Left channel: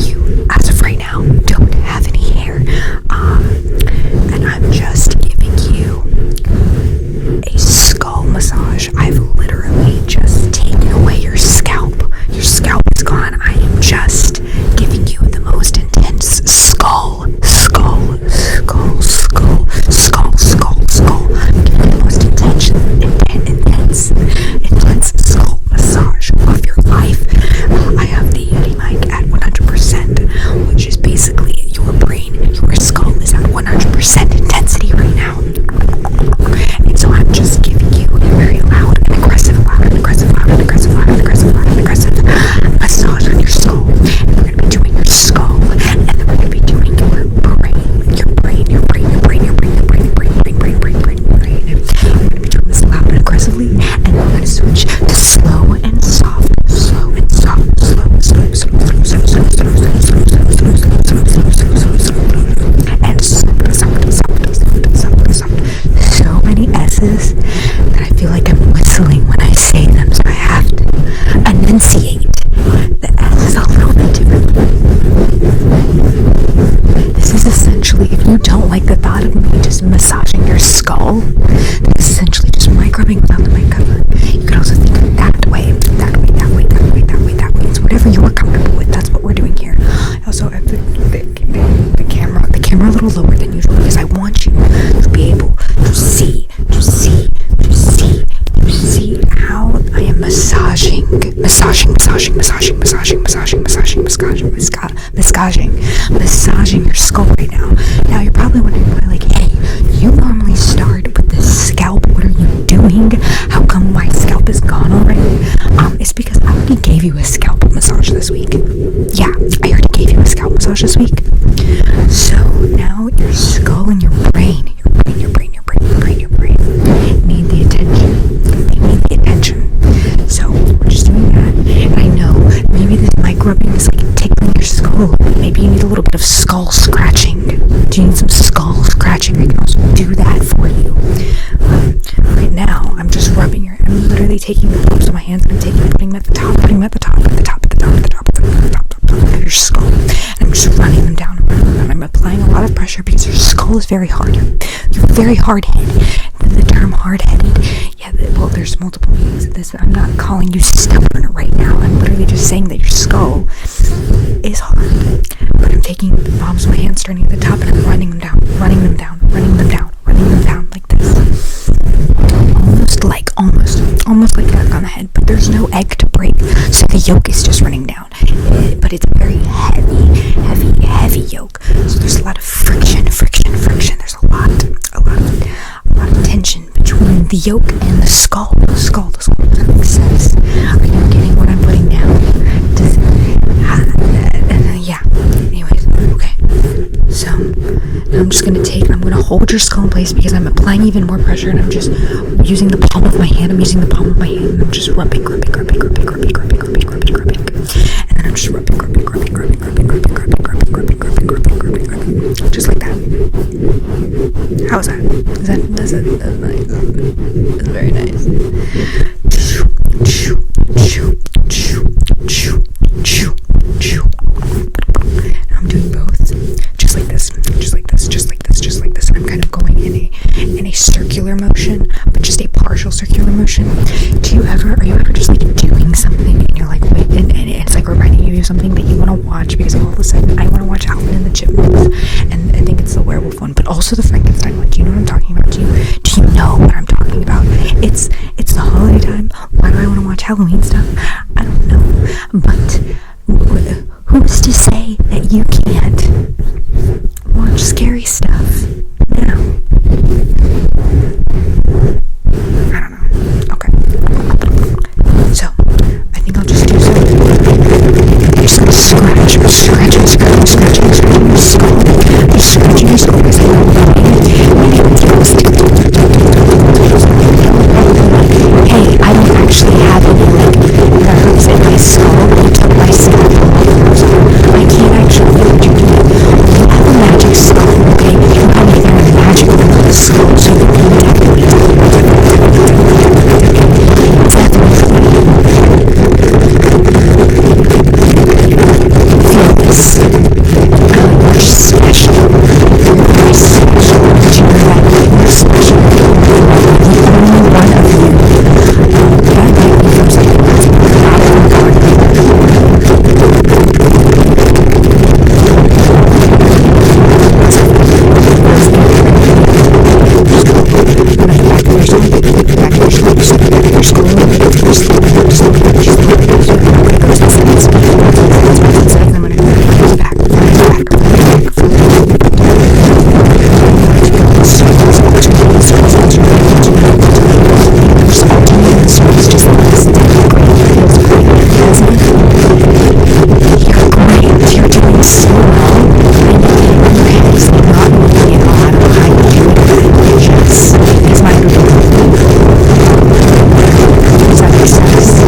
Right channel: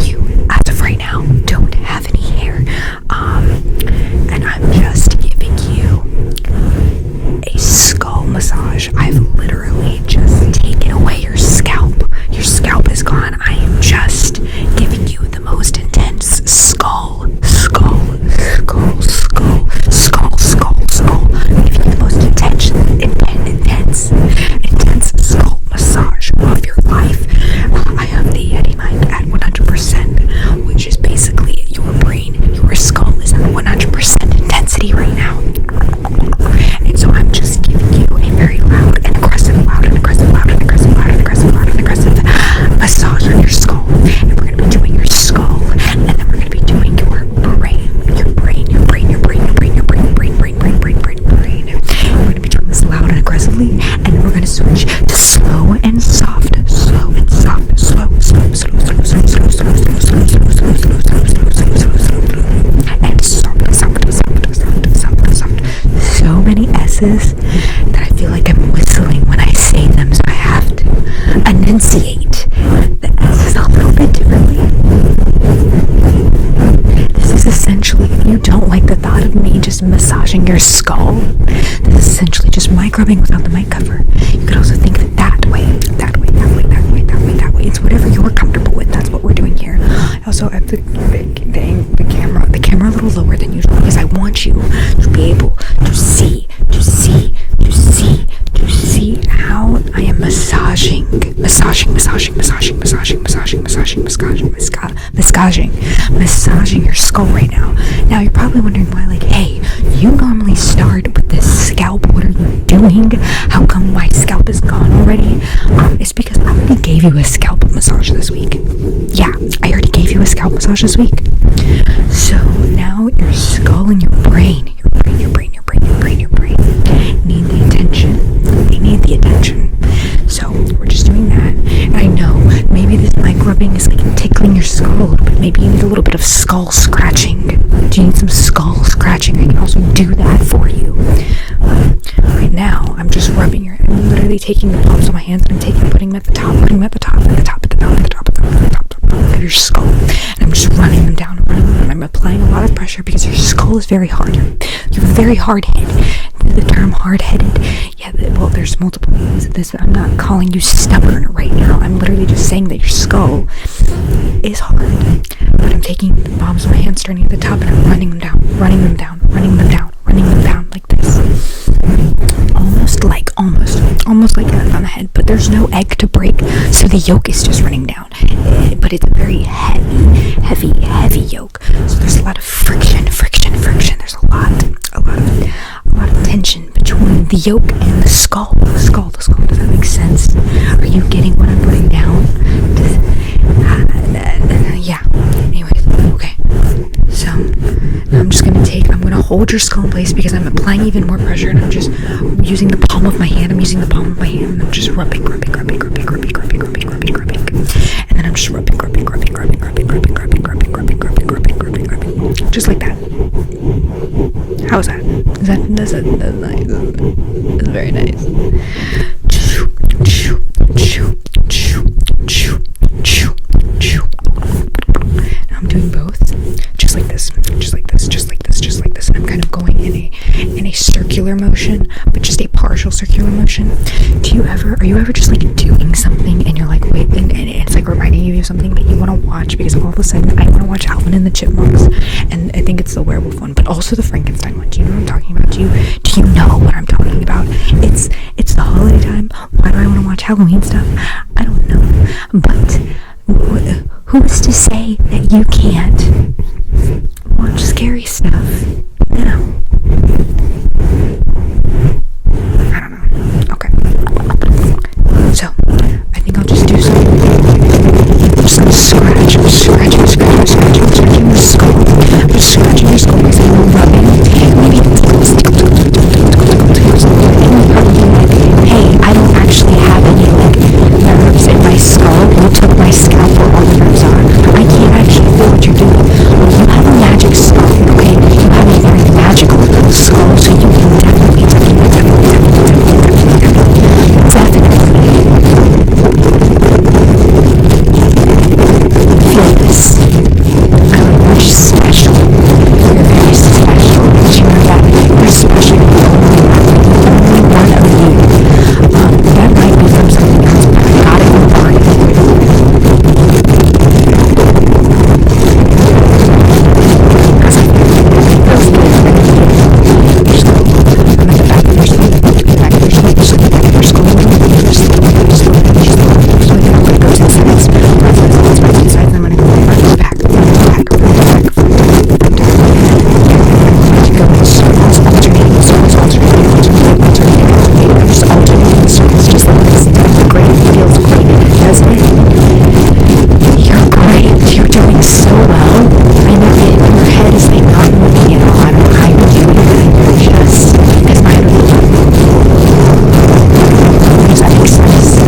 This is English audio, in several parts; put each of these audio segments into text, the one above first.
You, as of right now, don't have any hair. And I'm just giving you a skull massage. I've literally just taken away your scalp. Your scalp is gone. I am just giving you the most intense skull. I'm giving you the most intense skull massage of your life. I have the Yeti mic at 100%, which is basically your brain. Your skull is at 100% intensity right now. And so I'm just giving you a very loud and aggressive massage on your skull. And we're going to be doing your skull, and then we're going to be doing your brain. We're going to be doing this loud and aggressively, and then we're going to switch to slow and soft. So many S's that I feel like I'm whistling when I say them, so I have to enunciate the S's a little bit differently. This is essentially, if you don't like the thought of me just massaging your skull, this is essentially just mic rubbing without the mic cover. You could also think of it that way. It's whatever you're comfortable with. That's what we're doing here. I also have the camera a little lower than usual because I want you to be able to see how I am massaging your skull right now. Now you're probably wondering why, like, hey, you normally start with the scalp. What are you doing? How come my scalp is gone already? It's because I already gave you a scalp massage this week. Yeah, I already gave you a scalp massage this week. So now your skull and your brain need the attention. They need the attention. So we're just doing that. And I know maybe this mic rubbing is like tickling your skull a little bit. Maybe you need a little bit of skull scratching. Do you need some skull scratching? I can also do that for you. Right now, I'm just rubbing I'm literally taking the palms of my hands and putting them at the top of your skull. And I'm just running them down. I'm applying a lot of pressure because your skull is very hard. You're very hard-headed. The term hard-headed, well, there's multiple meanings of this. I'm not calling you stubborn right now. I'm literally just saying that your skull is hard. But I'm taking the palms of my hands, starting at the top, and I'm running them down like this. Almost like that on the head, but there's no egg to break, so the yolk is just running down. But it's a very heavy yolk. So there's a lot of friction. There's a lot of tension between the yolk and the skull. Does that make sense? Are you getting what I'm putting down? Yeah. Anyways, okay. So now I'm gonna hold your skull in place because I'm applying even more pressure, and I'm just using the palm of my hand. And I'm just rubbing. And then I'm just rubbing. Just like that. How is that? That's nice. That's very nice. Now I'm doing both, just like this, and I'm kind of going in a circular motion, but just a partial circular motion. Are you ever just like doing something and you're like, wait, and it's like reminding you of something that you want to watch because all of a sudden I want to watch Alvin and the Chipmunks, and I think it's the werewolf one, but also the Frankenstein one. Do you know what I'm talking about? Do you know what I'm talking about? It's the holiday time. Why do I want to watch Halloween stuff? I don't know, but who's to say that you can't watch scary stuff now? I don't know. Okay. So, I think I'll just do something. I'm just gonna scratch. I'm scratching your skull. I'm scratching your skull because I'm rubbing. Maybe tickles. And you're probably like, hey, I don't actually have any like nerves in my skull. You took my scalp where all the nerves are. I can't actually feel what you're doing. Well, you have a magic skull, okay? You have a very magical skull, so you can definitely feel this. I like you're just special. You're very special. Did you know that? You're special. You're the only one. You're the only one of you. That might be from something else, but I got it from Barney. Feels good. Just go. I'm at the back of your skull. The back of your skull. Just the back of your skull. Just slow down. Just slow down. Just slow down. Just slow down. I'm gonna go to the sides. I'm gonna go to the sides. To the sides. I'm gonna go to the back. Front to back. Front to back. Front to back. I'm going to go in circles, alternating, circles, alternating, alternating, alternating, alternating. I'm just alternating the circles, just like this. Great. Feels great, doesn't it? You're great. You're doing so well. I know it. Your head is like not moving at all. I don't know how you're doing that. Just because my head would be moving. Does that make sense?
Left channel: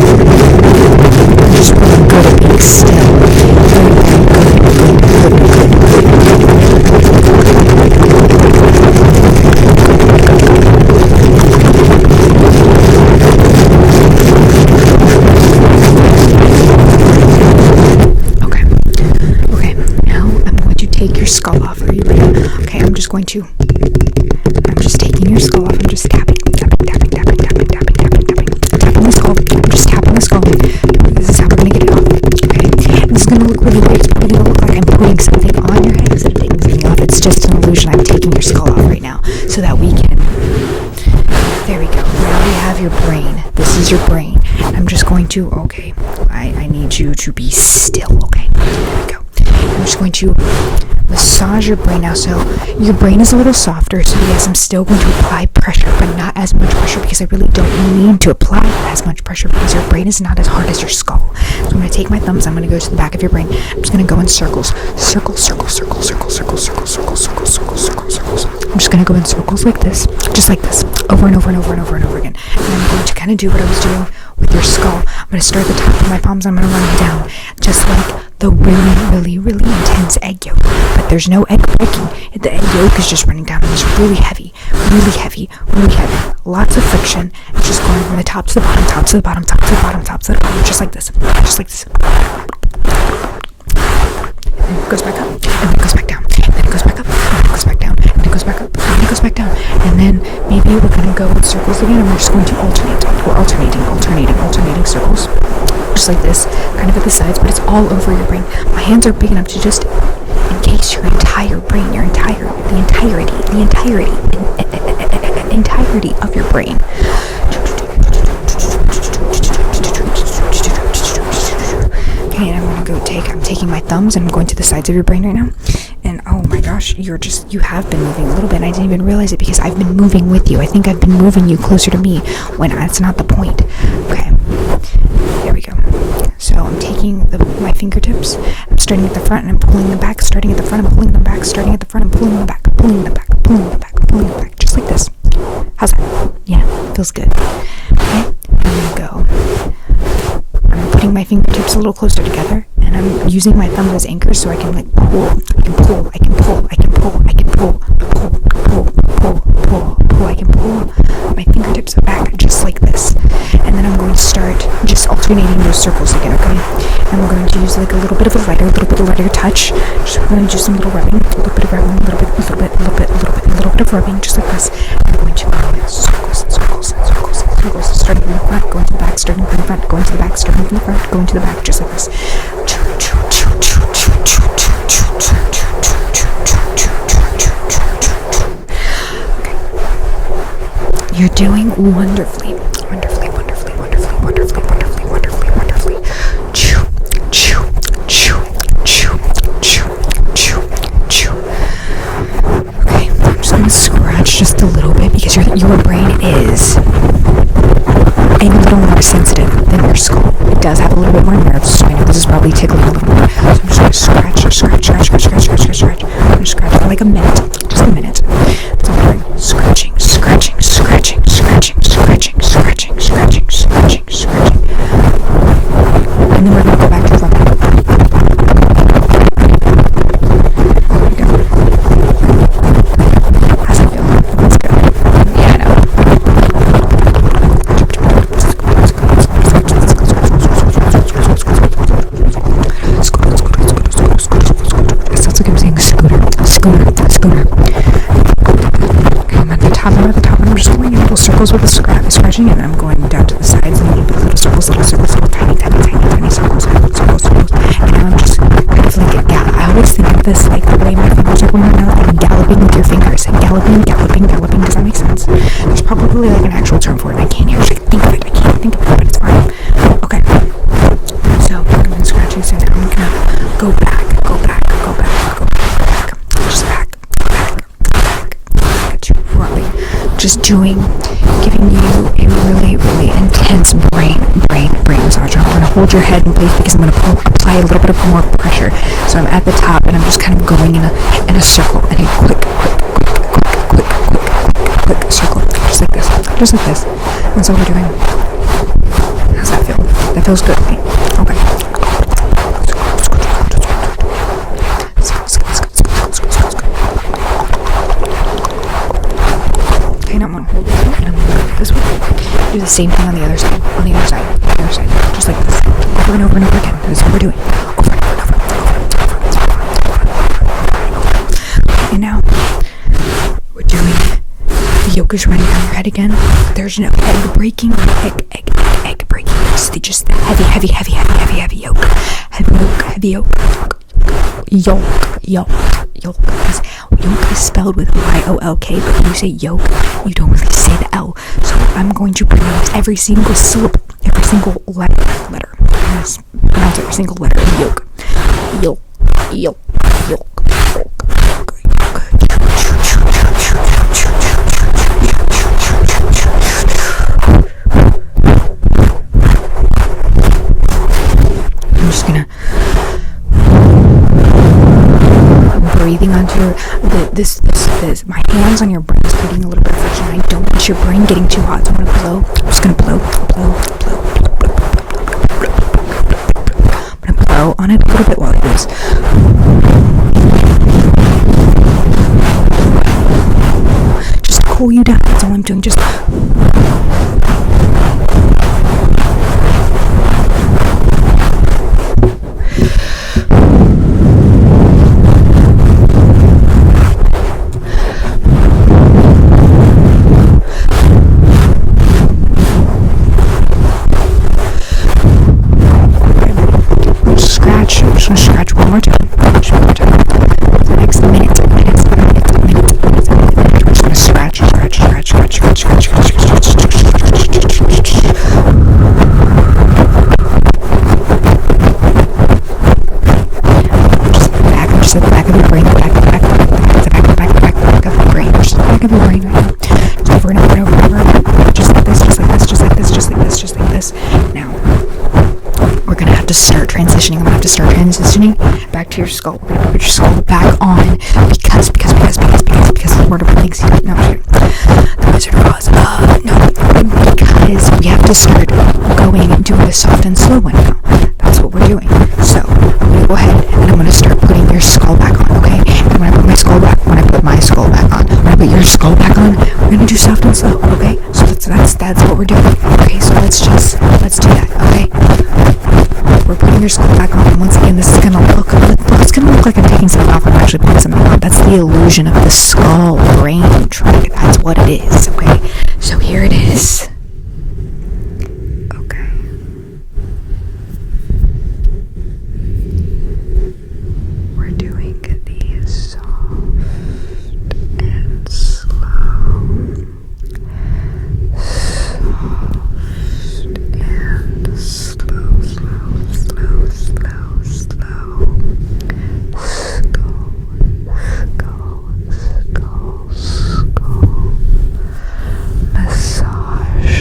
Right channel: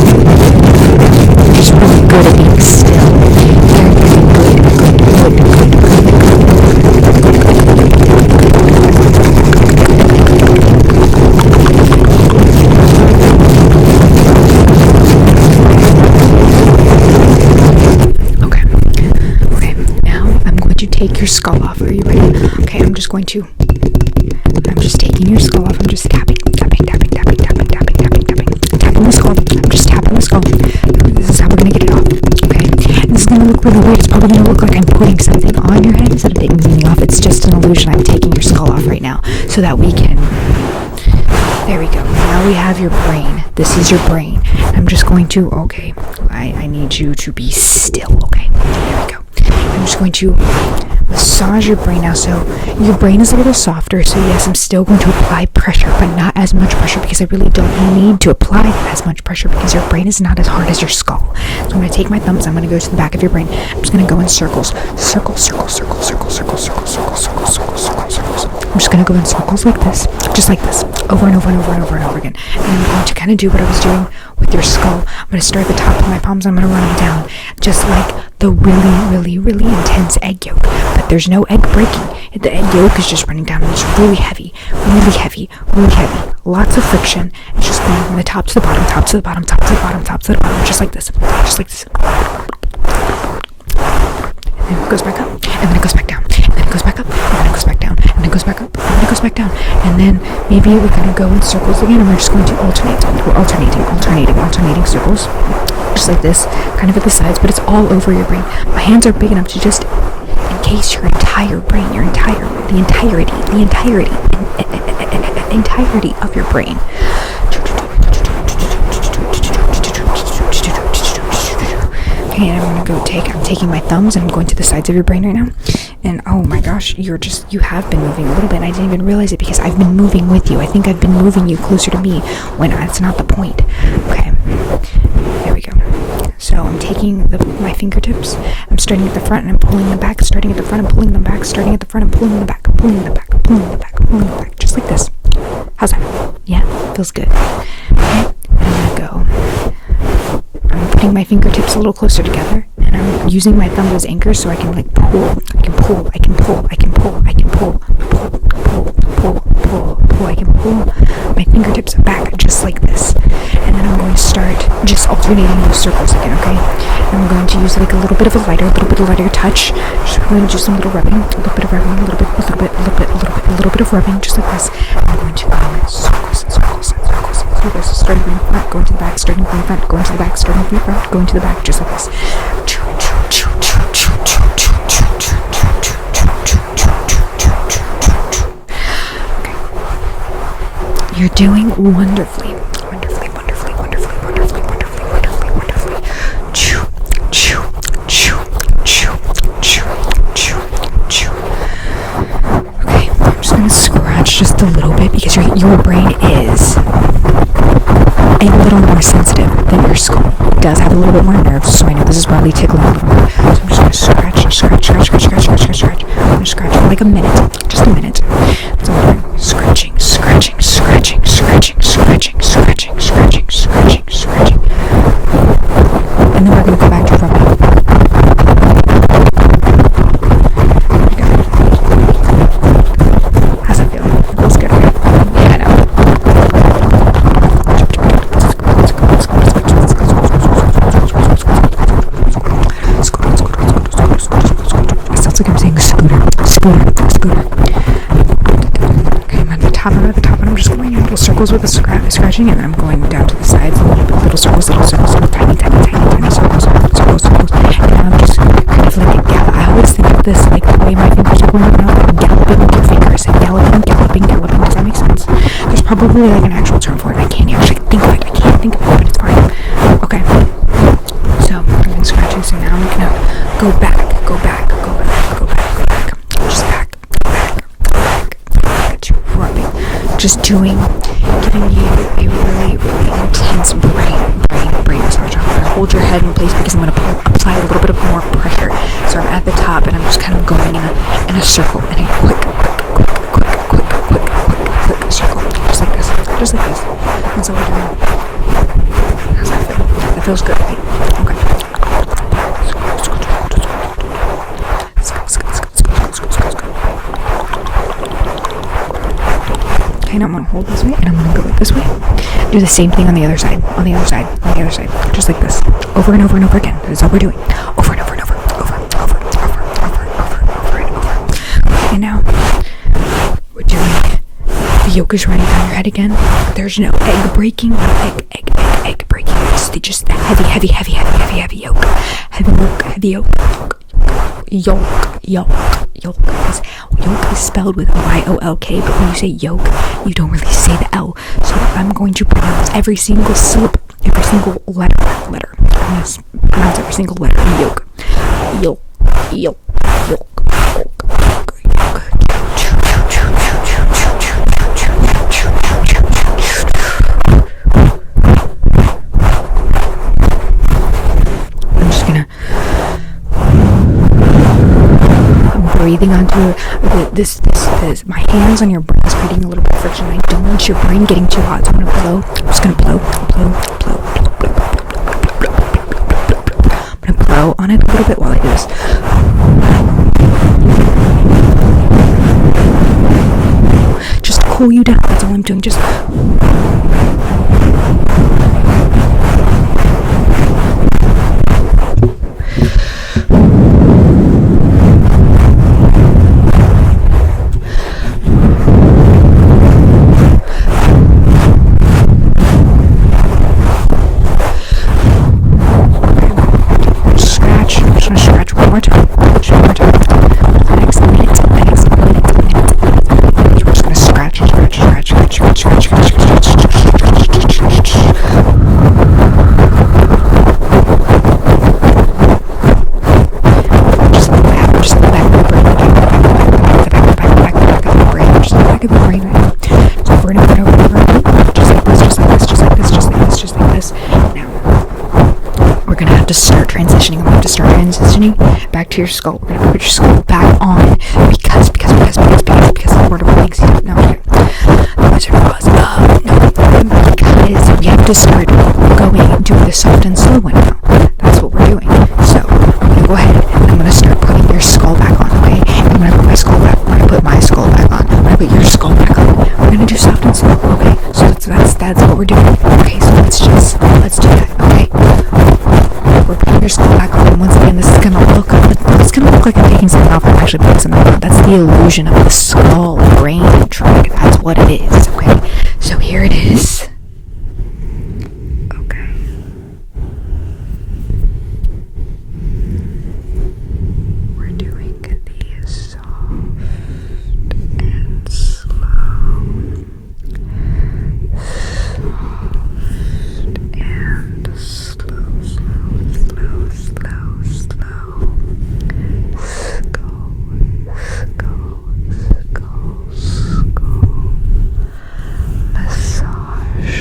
You're just really good at being still. Very, very good. Good. Okay. Now I'm going to take your skull off. Are you ready? Okay, I'm just taking your skull off. I'm just tapping the skull. I'm just tapping the skull. This is how we're gonna get it off. Okay. This is gonna look really weird. It's probably gonna look like I'm putting something on your head instead of taking something off. It's just an illusion. I'm taking your skull off right now so that we can. There we go. Now we have your brain. This is your brain. I'm just going to. Okay. I need you to be still. Okay. There we go. I'm just going to massage your brain now. So your brain is a little softer, so yes, I'm still going to apply pressure, but not as much pressure because I really don't need to apply as much pressure because your brain is not as hard as your skull. So I'm going to take my thumbs, I'm going to go to the back of your brain. I'm just going to go in circles. Circles. I'm just going to go in circles like this, just like this, over and over again. And I'm going to kind of do what I was doing with your skull. I'm going to start at the top with my palms, I'm going to run them down, just like the really intense egg yolk. But there's no egg breaking. The egg yolk is just running down and it's really heavy. Lots of friction. It's just going from the top to the bottom, just like this. And then it goes back up, and then it goes back down, and then it goes back up, and then it goes back down, and then it goes back up, and then it goes back down. And then maybe we're going to go in circles again, and we're just going to alternate. We're alternating circles. Just like this, kind of at the sides, but it's all over your brain. My hands are big enough to just encase your entire brain, the entirety of your brain. Okay, and I'm gonna go I'm taking my thumbs and I'm going to the sides of your brain right now. And oh my gosh, you have been moving a little bit, and I didn't even realize it because I've been moving with you. I think I've been moving you closer to me when that's not the point. Okay, there we go. So I'm taking my fingertips, I'm starting at the front and I'm pulling them back, starting at the front and pulling them back, starting at the front and pulling them back, just like this. How's that? Yeah, feels good. Okay, and I'm putting my fingertips a little closer together, and I'm using my thumbs as anchors so I can like pull. I can pull. I can pull my fingertips back just like this. And then I'm going to start just alternating those circles again, okay? And I'm going to use like a little bit of a lighter touch. Just we're going to do some little rubbing, a little bit of rubbing, just like this. I'm going to go in circles, starting from the front, going to the back, starting from the front, going to the back, starting from the front, going to the back, just like this. Okay. You're doing wonderfully. Okay, I'm just gonna scratch just a little bit because your brain is a little more sensitive than your skull. It does have a little bit more nerves, so I know this is probably tickling a little more. So I'm just gonna scratch. I'm gonna scratch for like a minute, just a minute. That's all I'm doing. Scratching. And then we're gonna go back to rubbing. There we go. How's that feel? It feels good, right? Yeah, I know. sounds like I'm saying scooter, scooter, scooter. Okay, I'm at the top, and I'm just going in little circles with the scratching, and then I'm going down to the sides and little circles, little tiny circles, and now I'm just kind of like I always think of this like the way my fingers are going right now, like galloping with your fingers, galloping. Does that make sense? There's probably like an actual term for it, and I can't actually think of it. But it's fine. Okay. So I've been scratching, so now I'm gonna go back. Just back. Rubbing. Just giving you a really, really intense brain massage. I'm gonna hold your head in place because I'm gonna apply a little bit of more pressure. So I'm at the top and I'm just kind of going in a circle, in a quick circle. Just like this. That's all we're doing. How's that feel? That feels good, right? Okay. Okay, now I'm gonna hold this way, and I'm gonna go like this way. Do the same thing on the other side. Just like this. Over and over again. That's all we're doing. Over and over. And now, we're doing, the yolk is running down your head again. There's no egg breaking, egg breaking. It's just the heavy yolk. Heavy yolk. Yolk, because yolk is spelled with Y-O-L-K, but when you say yolk, you don't really say the L. So I'm going to pronounce every single syllable, every single letter. I'm going to pronounce every single letter in yolk. Yolk. I'm just gonna breathing onto this. My hands on your brain is creating a little bit of friction. I don't want your brain getting too hot, so I'm gonna blow. I'm just gonna blow. I'm gonna blow on it a little bit while I do this. Just cool you down. That's all I'm doing. Just. I'm just gonna scratch one more time. The next minute. We're just gonna scratch. Just at the back of your brain, the back of your brain right now. Just over and over. Just like this. Now, we're gonna have to start transitioning. I'm gonna have to start transitioning back to your skull. We're gonna put your skull back on because the word of things. No, the Wizard of Oz. No, because we have to start going and doing the soft and slow one now. That's what we're doing. So I'm gonna go ahead and I'm gonna start putting your skull back on. Okay, and when I put my skull back on, when I put your skull back on, we're gonna do soft and slow. Okay, so that's what we're doing. Okay, so let's do that. Okay. We're putting your skull back on, and once again, this is gonna look like I'm taking something off. I'm actually putting something on. That's the illusion of the skull brain trick. That's what it is. Okay, so here it is. Okay. We're doing the soft and slow. Massage.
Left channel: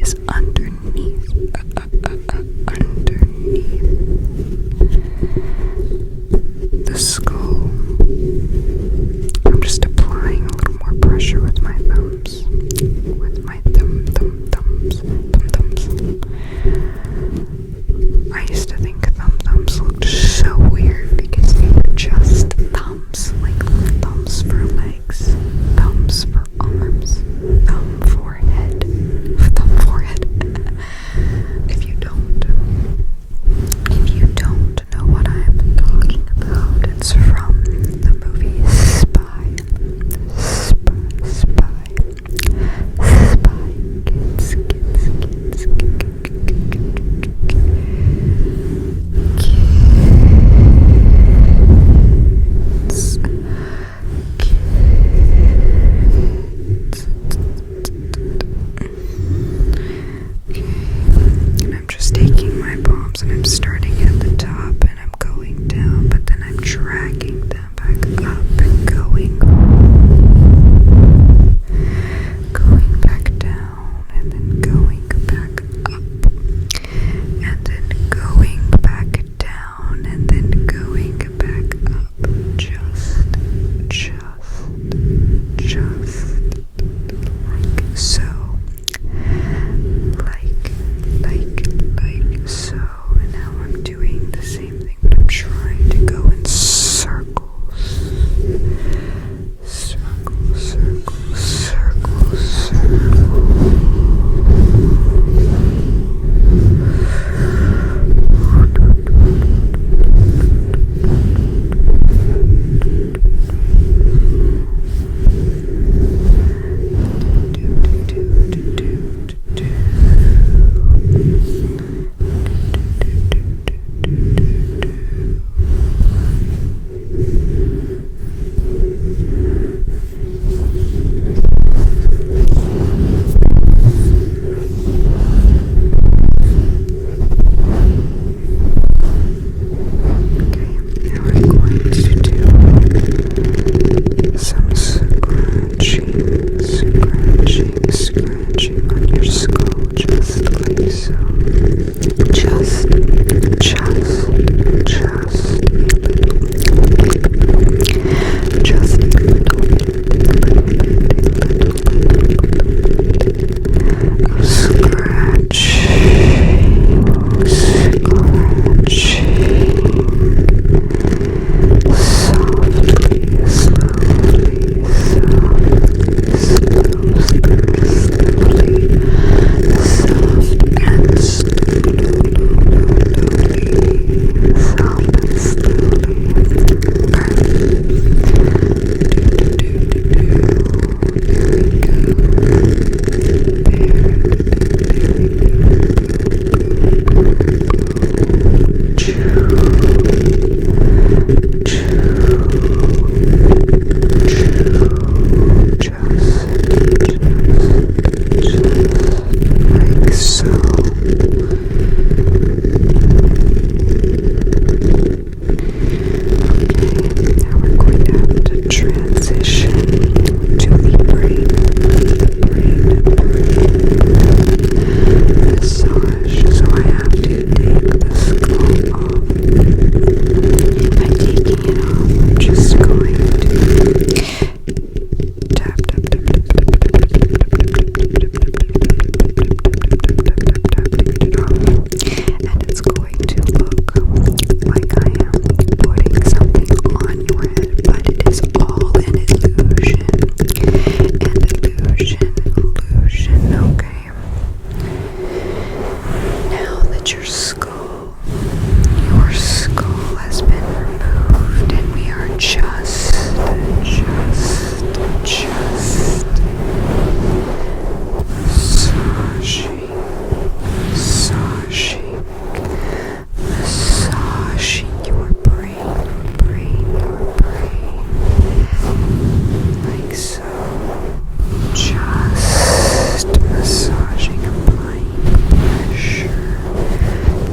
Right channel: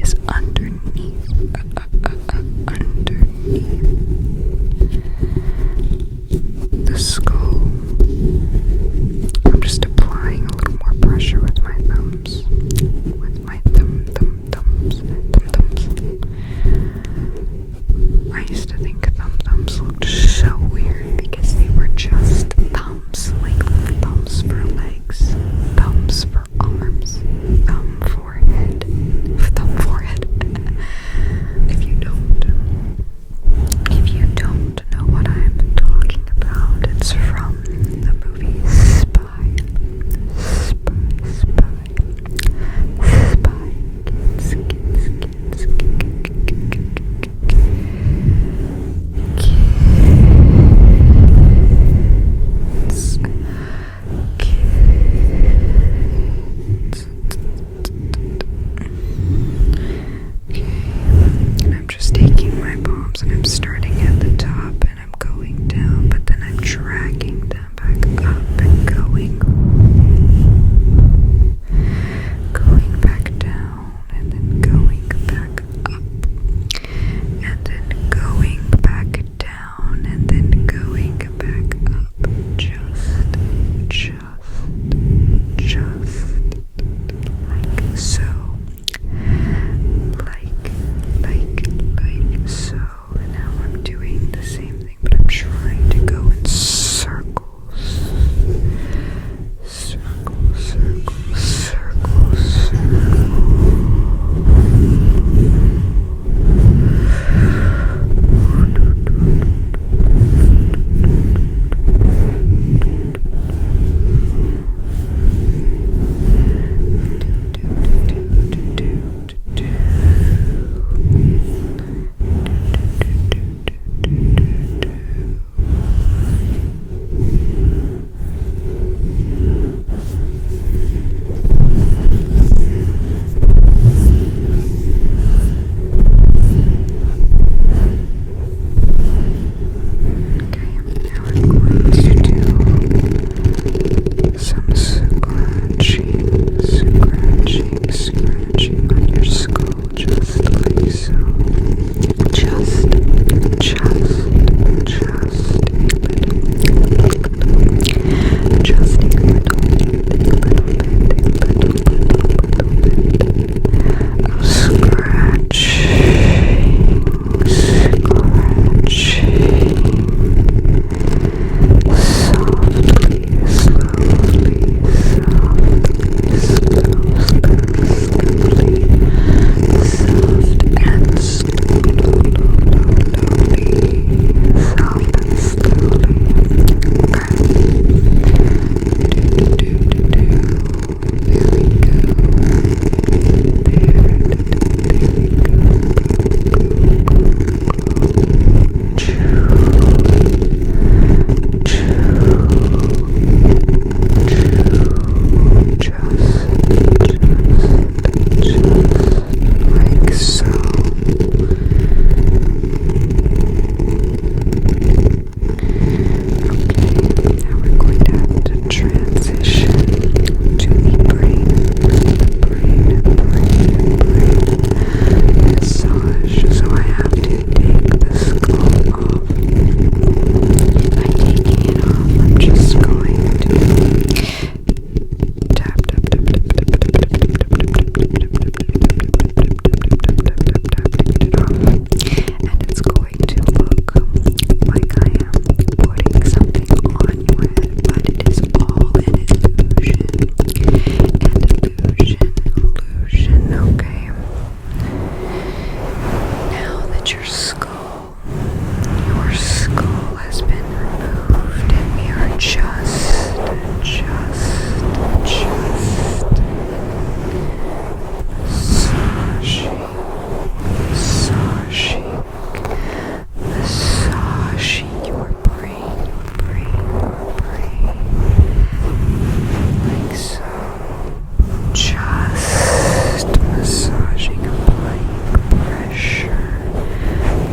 is underneath, underneath the skull. I'm just applying a little more pressure with my thumbs, with my thumbs. I used to think thumbs looked so weird because they were just thumbs, like thumbs for legs, thumbs for arms, thumb forehead. If you don't know what I'm talking about, it's from the movie Spy. And I'm just taking my palms and I'm starting at the top and I'm going down, but then I'm dragging them back up and going back down and then going back up and then going back down and then going back up, just like so. Like so, and now I'm doing the same thing, but I'm trying to go in circles. Scratching on your skull, just like so. Just a little, just a little bit of scratching, softly, slowly,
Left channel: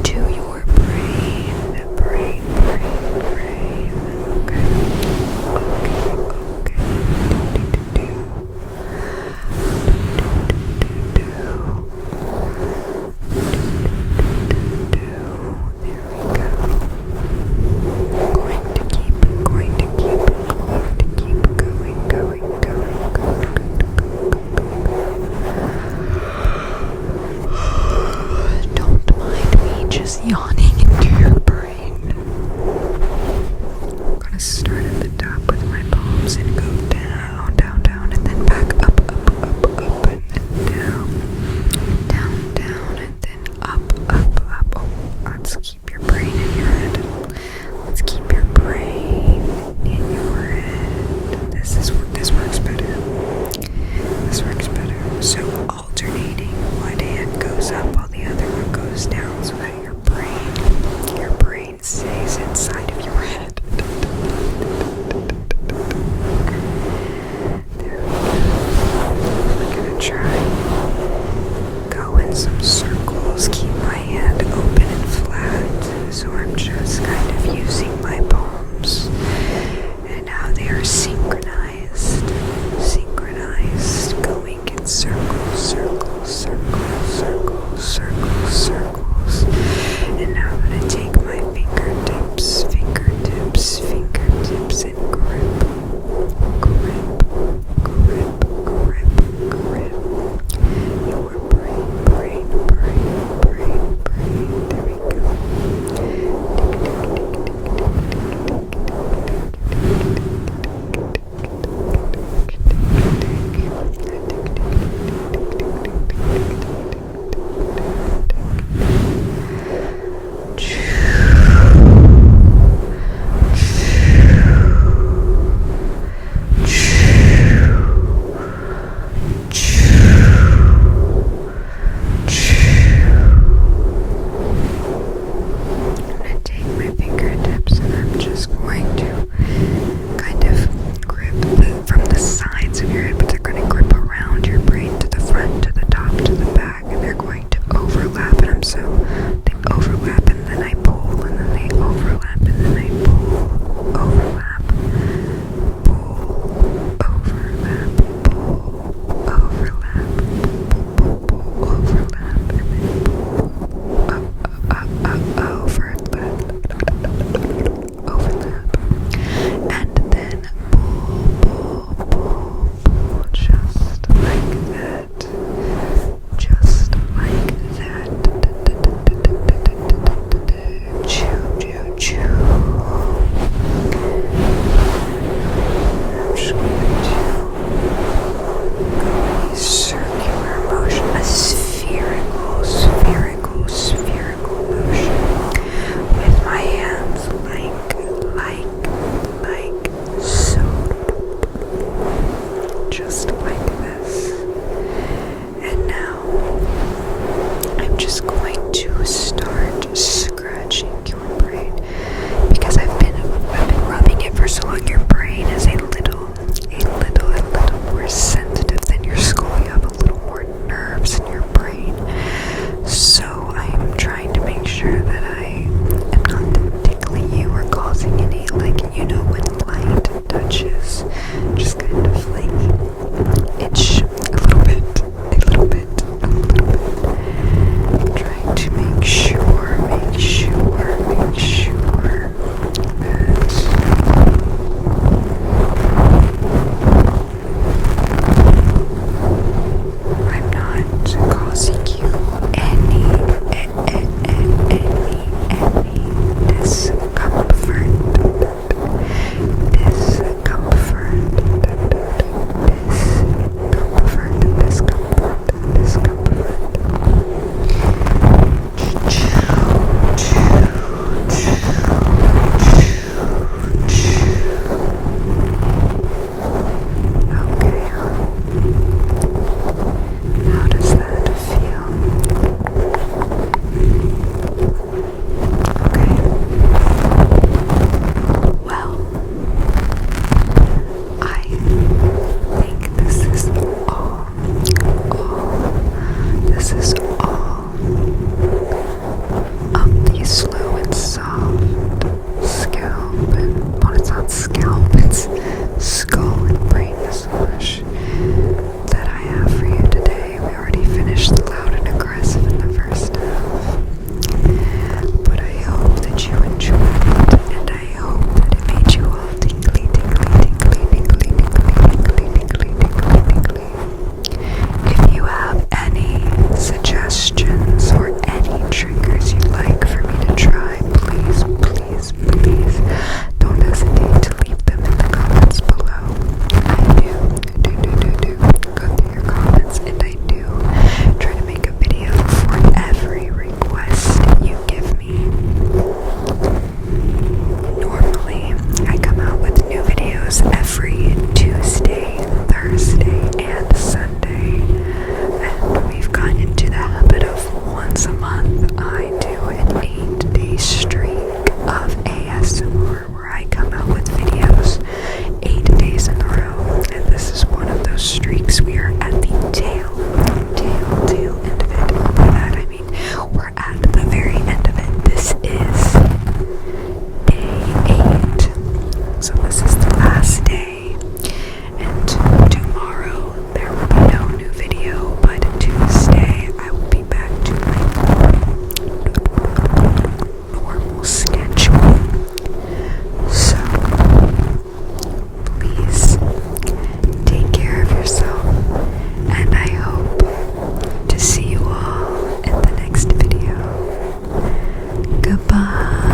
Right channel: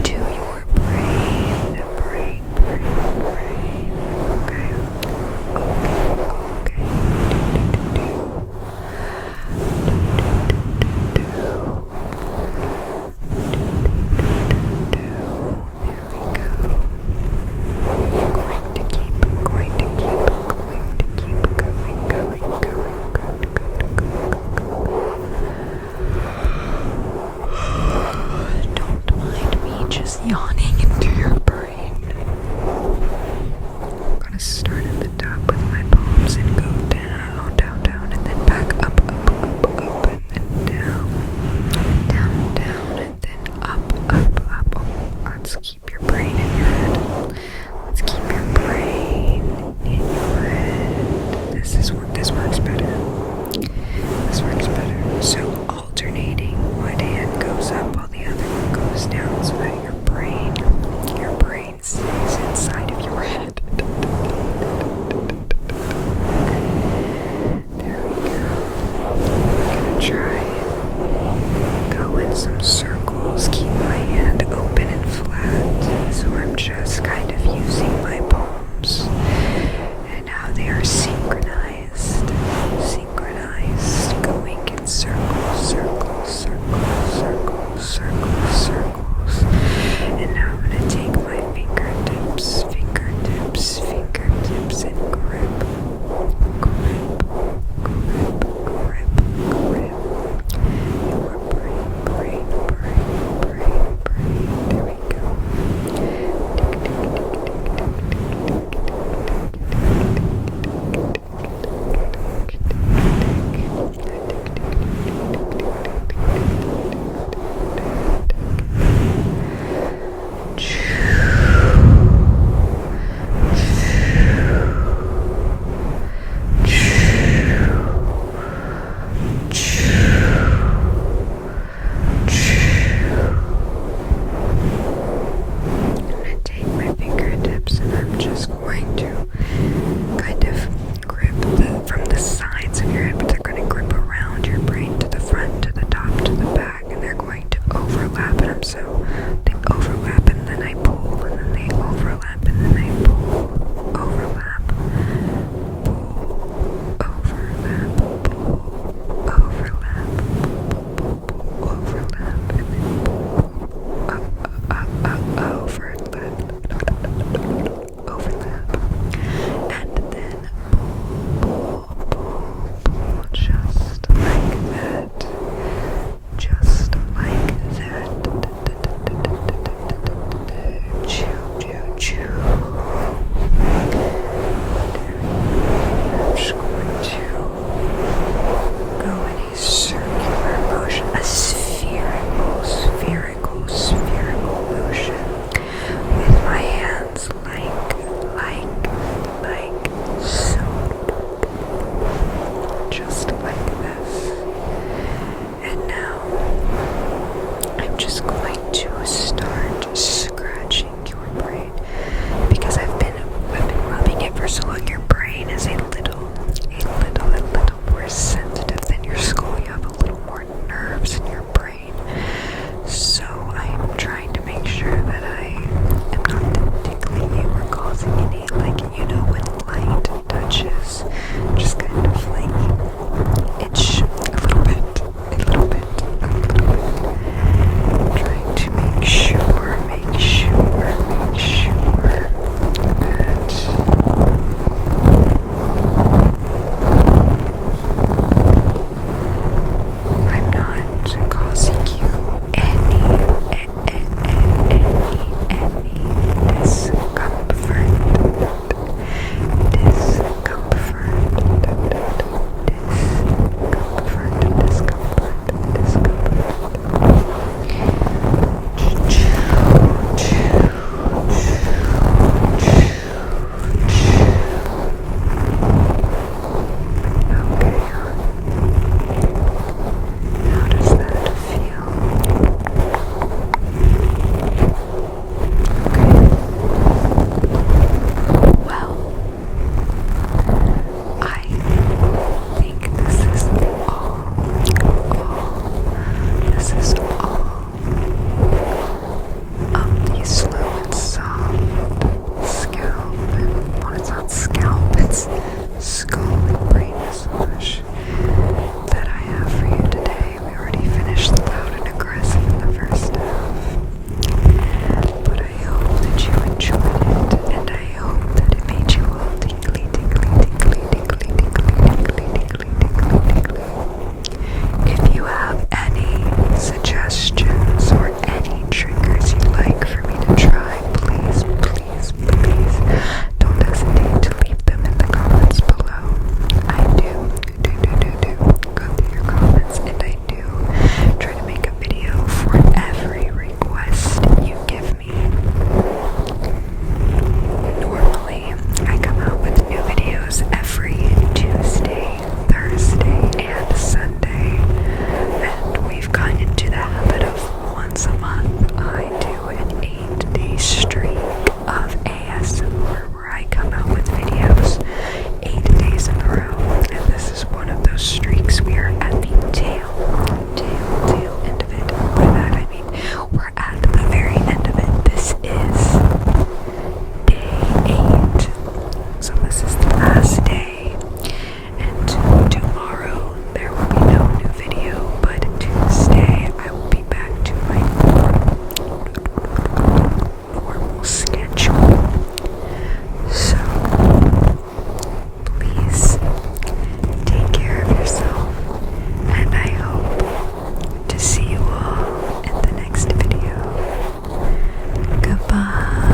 to just yawning into your brain. I'm gonna start at the top with my palms and go down, down, down, and then back up, up, up, up, and then down, down, down, and then up, up, up. Oh, let's keep your brain in your head. Let's keep your brain in your head. This works better. This works better. So alternating, one hand goes up while the other one goes down, so that your brain stays inside of your head. There we go. I'm gonna try and go in some circles. Keep my hand open and flat, so I'm just kind of using my palms, and now they are synchronized, going in circles, circles, circles, circles, circles, circles. And now I'm gonna take my fingertips, and grip, your brain. There we go. suggestions like a bug.